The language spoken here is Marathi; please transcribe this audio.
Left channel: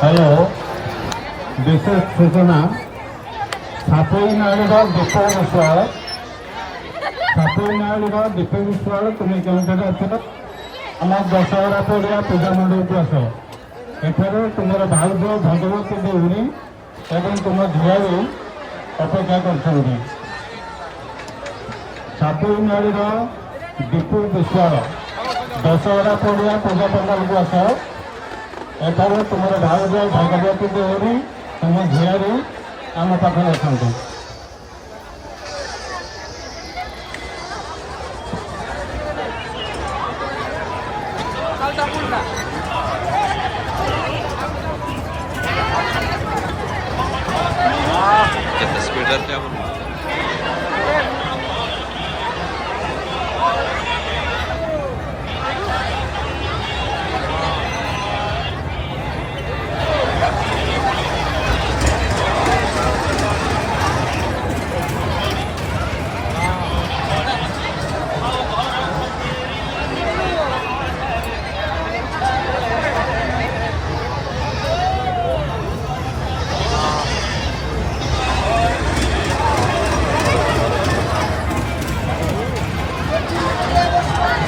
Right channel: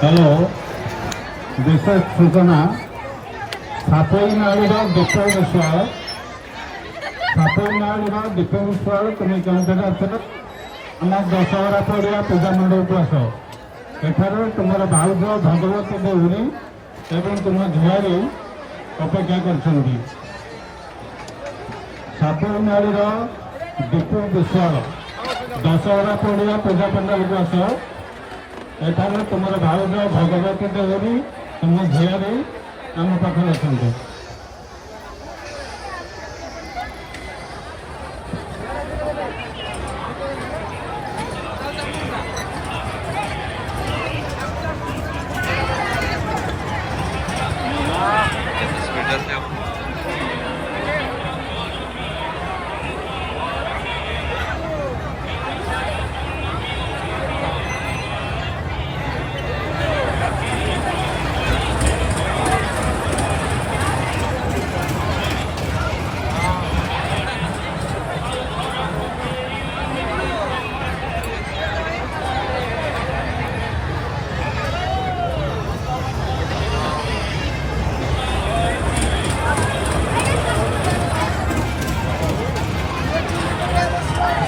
हेलो विशेष सूचना सापईनाड़ीर दीपक विश्वाल सापईनाड़ीर दीपक विश्वाल तुम्हें क्यों आस आम दशहरा पड़िया पूजा मंडप आस एठार तुम भाउज भगवती देउरी एवं तुम झियारी अपेक्षा कर सापईनाड़ीर दीपक विश्वाल दशहरा पड़िया पूजा पंडाल को आस एठार तुम भाउज भगवती देउरी तुम झियारी आम पाखे अच्छा Get the spirit up there.